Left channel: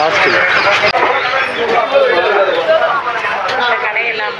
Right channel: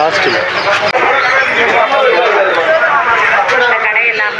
லாஸ்ட்டில் கடையெல்லாம்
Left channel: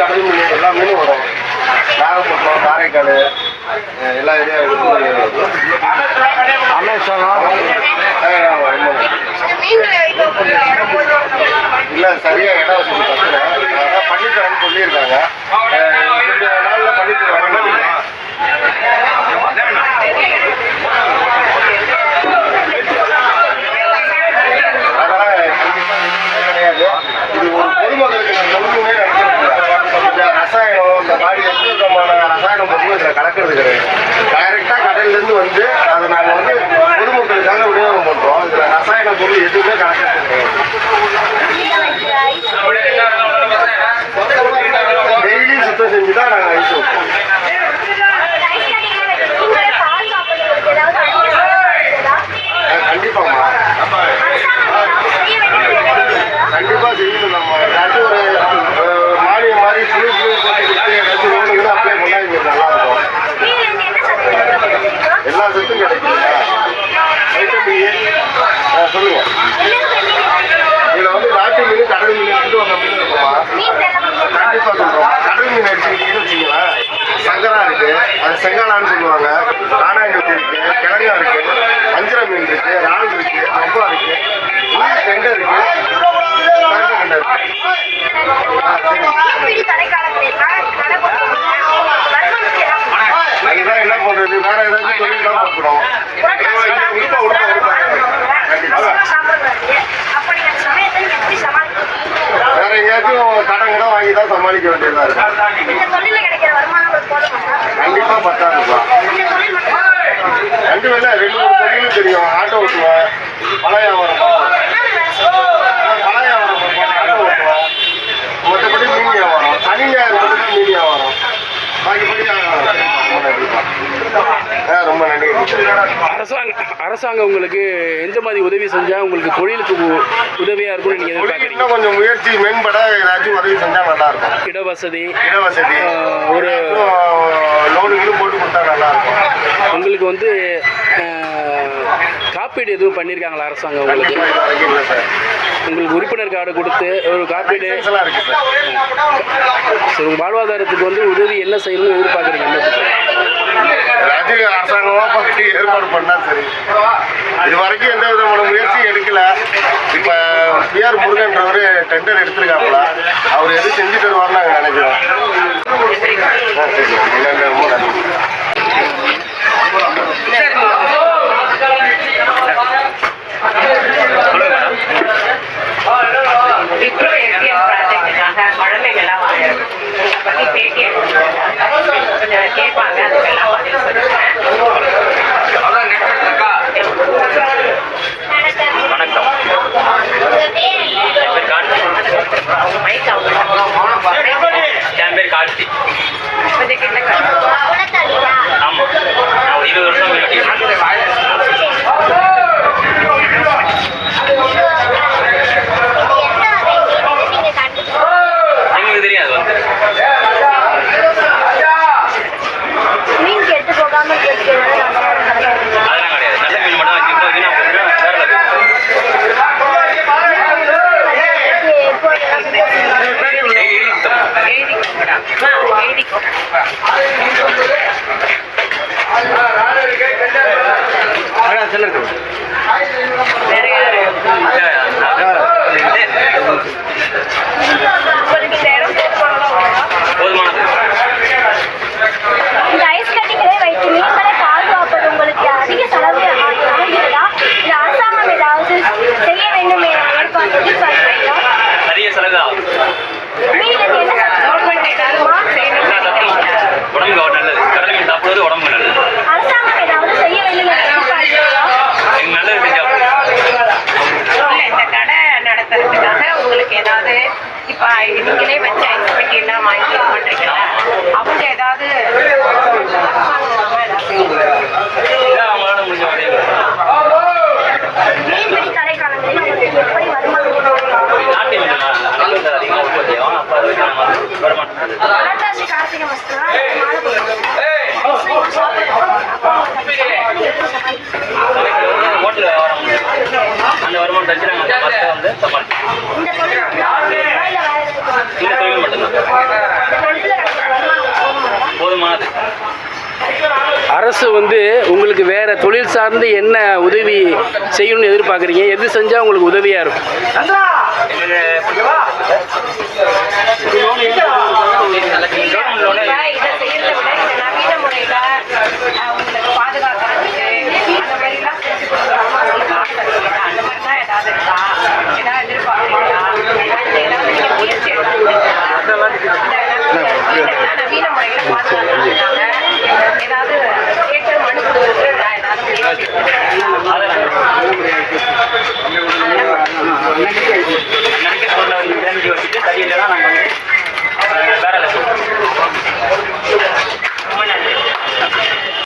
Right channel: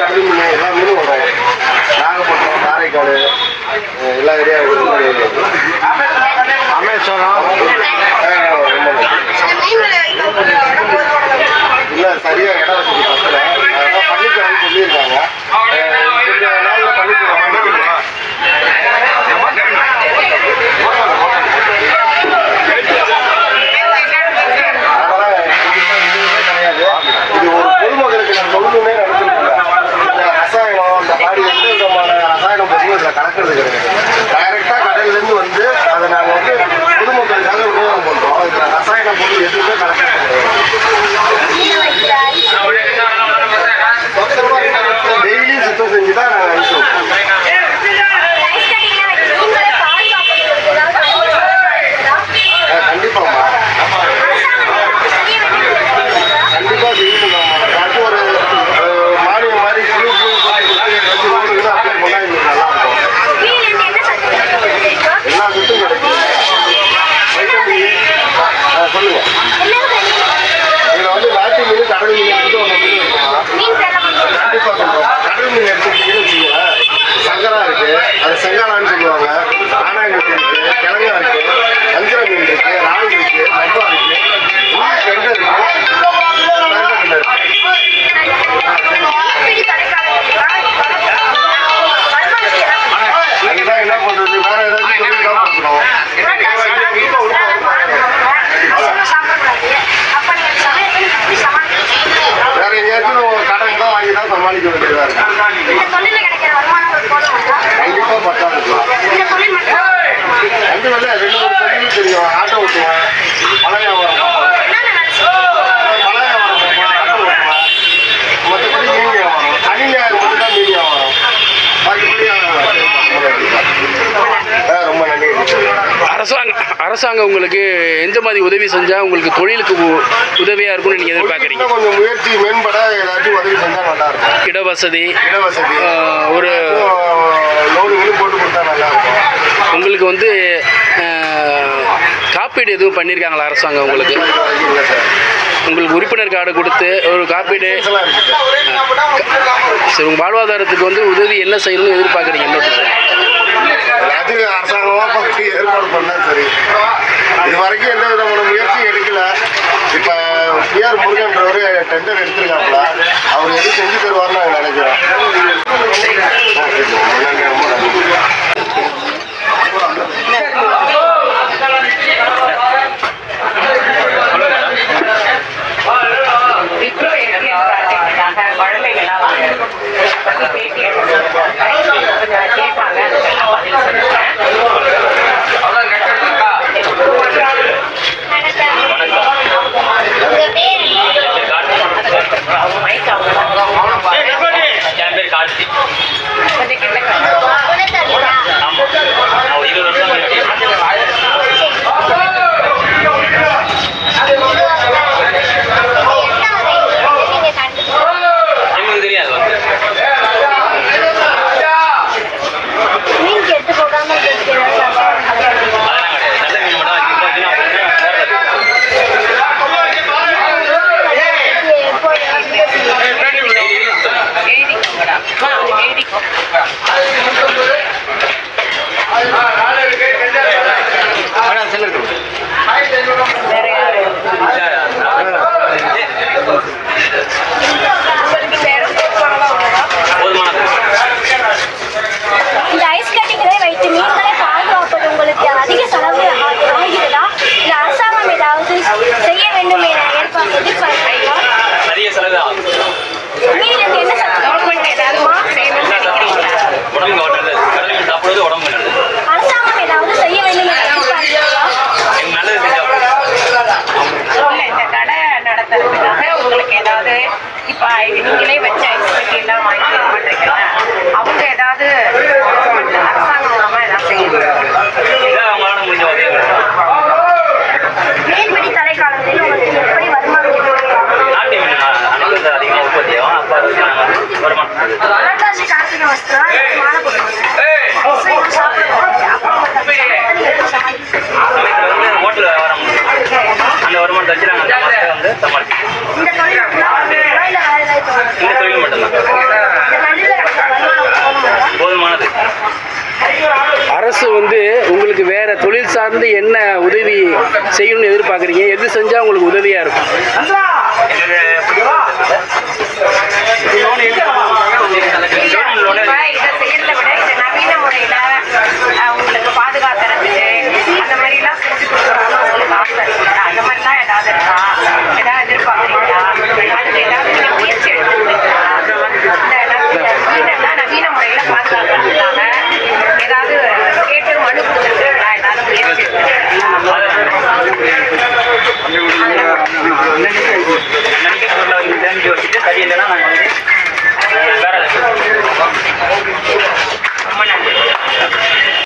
கடல் மீன் எல்லா மீனும் வரும். நாகப்பட்டினம், காரைக்கால் எல்லா ஏரியாவும் இல்லை சரியாக இடம் வசதி பத்தில் அதான் பண்ணித்தரேன்னு சொல்லியிருக்காங்க. கொஞ்சம் நாளில் பண்ணித்தரேன். அதெல்லாம் கிடையாது. இது ஒரு பொதுமக்களுக்கு நான் சொல்லணுன்னே நினைச்சிருக்கேன். இந்த ரசாயனம் இந்த மாதிரி எந்த விதமான ரசாயனம் பொருளும் இதில் கலக்கிறது கிடையாது. டைரெக்டாக கடல்லேருந்து வந்து அதை நாங்கள் வந்து பொதுமக்களுக்காக விநியோகம் பண்ணுறோம். இதில் ரசாயன பொருள் எதுவுமே கலக்கிறது கிடையாது. டெய்லி சுத்தம் செஞ்சு தான் நாங்கள் ஐஸ் வைப்போம். கண்டிப்பாம்மா, கண்டிப்பாக செய்யணும்மா. ஏதாச்சும் ஒரு மானியம் மாதிரி குழு கொடுத்து ஏதாச்சும் ரோடுகளை அப்ளை பண்ணால் எங்களுக்கு நல்லாயிருக்கும். எல்லா சத்தும் கிடைக்கும். வைட்டமின் ஏ சொல்லுங்கள். இதில் வந்து நாட்டு மீன், கடல் மீன் எடுத்துட்டு ஒரு மீன் இருக்குமா? கண்டிப்பாக சொல்கிறோம். கடல் மீன் எடுத்துக்கிட்டீங்கன்னு வச்சுக்கோங்களேன், சங்கரா இருக்குது, அது செங்காலான்னு சொல்லுவாங்க. ஆனாங்கட்டி இருக்குது, கிழங்கா இருக்குது, அஞ்சரை மீன் இருக்குது, ராணி இருக்குது, ரப்பா இருக்குது, கெண்டை இருக்குது, கெண்டை அதுதான் என்ன பண்ணுறது. வேறு ஏதாச்சும் தொழில் தான் பார்க்கணும். வேற எங்கேயாச்சும் கடன் கூட வாங்கி தான் சமாளிக்க வேண்டியதாக இருக்கு. கண்டிப்பாக பத்தாதுப்பா. ரெண்டு வேலை 2-3 தொழிலும் தெரியும். ஆட்டோ ஓட்டுவேன், பழ வியாபாரம் பார்ப்பேன், ஆட்டோ ஓட்டுவேன், மற்றபடி மீன் வியாபாரம். சனி ஞாயிறு மட்டும் தான் மீன் வியாபாரம். பாக்கிப்படி ரொம்ப நன்றி. அரசாங்கம் உங்களுக்கு எந்த மாதிரி உதவி செஞ்சால் உங்களுக்கு தொழிலுக்கு உதவியாக இருக்கும்னு நீங்கள் எதிர்பார்க்குறீங்க? கொஞ்சம் முயற்சி மேம்பட ஏதாச்சும் உதவி செஞ்சால் நல்லாயிருக்கும். இடவசதி ஒரு லோனுகளும் போட்டு கொடுத்தா நல்லாயிருக்கும். உங்களுக்கு வந்து காப்பீடு எதுவும் பண்ணியிருக்காங்களா அரசாங்கம் உங்களுக்கு? இல்லை சார். உங்களுக்கு உறுப்பினர் கார்டு கொடுத்து ஒரு காப்பீடு சரி, உங்கள் வாழ்வாதாரத்துக்கு வந்து உதவி என்ன செய்யணும்னு எதிர்பார்க்குறீங்க? அது அரசாங்கமாக பார்த்து ஏற்பாடு பண்ணால் சரி. இது வரைக்கும் எந்த விதமான முயற்சியும் எடுக்கல. இப்போ பிஆர் முருகன்றவர் டெண்டர் எடுத்திருக்காப்புல, அவர் எது செஞ்சு தருவார்னு நாங்கள் நினைக்கிறோம். ரொம்ப நன்றி. குழந்தைகள்லாம் பற்றி பேட்டி கொஞ்சம் கேட்பாங்க. அதுக்கெல்லாம் என் பேர் கார்த்தி. கொஞ்சம் கிட்ட ஆமாம், நான் 20 வருஷம் எங்களுக்கு தெரியாது வந்து அதெல்லாம் கிடையாது. நல்ல மீன் மட்டும் வச்சுக்கிட்டோம் அப்படின்னா வேற யாரு இந்த ஐஸ் கட்டிகளை வைத்து மீன்களை பாதுகாப்பது உங்களுக்கு அதிக செலவு ஆகிறதா? இல்லை அரசாங்கம் ஏதாவது செய்ய வேண்டும் எதிர்பார்க்கிறீங்களா? நிறைய செலவு ஆகும். அதாவது இப்போ நீங்களே வச்சு ஐஸ் பெட்டி எல்லாம் வாங்கி தர மாட்டீங்களா? அவங்க ஏதாவது அரசாங்கம் மூலமா ஏதாவது செய்யணும். அவங்களால முடிஞ்ச உதவி மீன்பிடி தடை காலங்களில் உங்களுக்கு எப்படி வருமானம் கிடைக்கும்? நாட்டு மீன் அனைத்து அதிகமாக உற்பத்தி ஆகும். அப்போ அதை வச்சு நாங்கள் வந்து வருமானம் புரட்டாசி கார்த்திகை மாசத்துல மாலை போடுவாங்க. அசைவம் சாப்பிடுவாங்க. அப்போ உங்களுக்கு சமயத்தில் வந்து ஹோட்டல் வியாபாரம் உண்டு. அந்த வருமானத்தை வச்சு நாங்கள் அந்த மாதத்தை வந்து சமாளிக்கிறோம். இந்த தொழில் மட்டும்தான் பண்ணுவீங்களா? இல்லை வேற ஏதாவது இந்த தொழில் மட்டும்தான் இந்த ரெண்டுல வருமானம் போகுமாடா? போதுமானது. அரசு வந்து உங்களுக்கு வேற தொழில் சார்ந்து என்ன உதவி செய்யணும்னு எதிர்பார்க்குறீங்க? எது செஞ்சால் உங்களுக்கு உதவியாக இருக்கும்? எங்களுக்கு கவர்மெண்ட் லோனு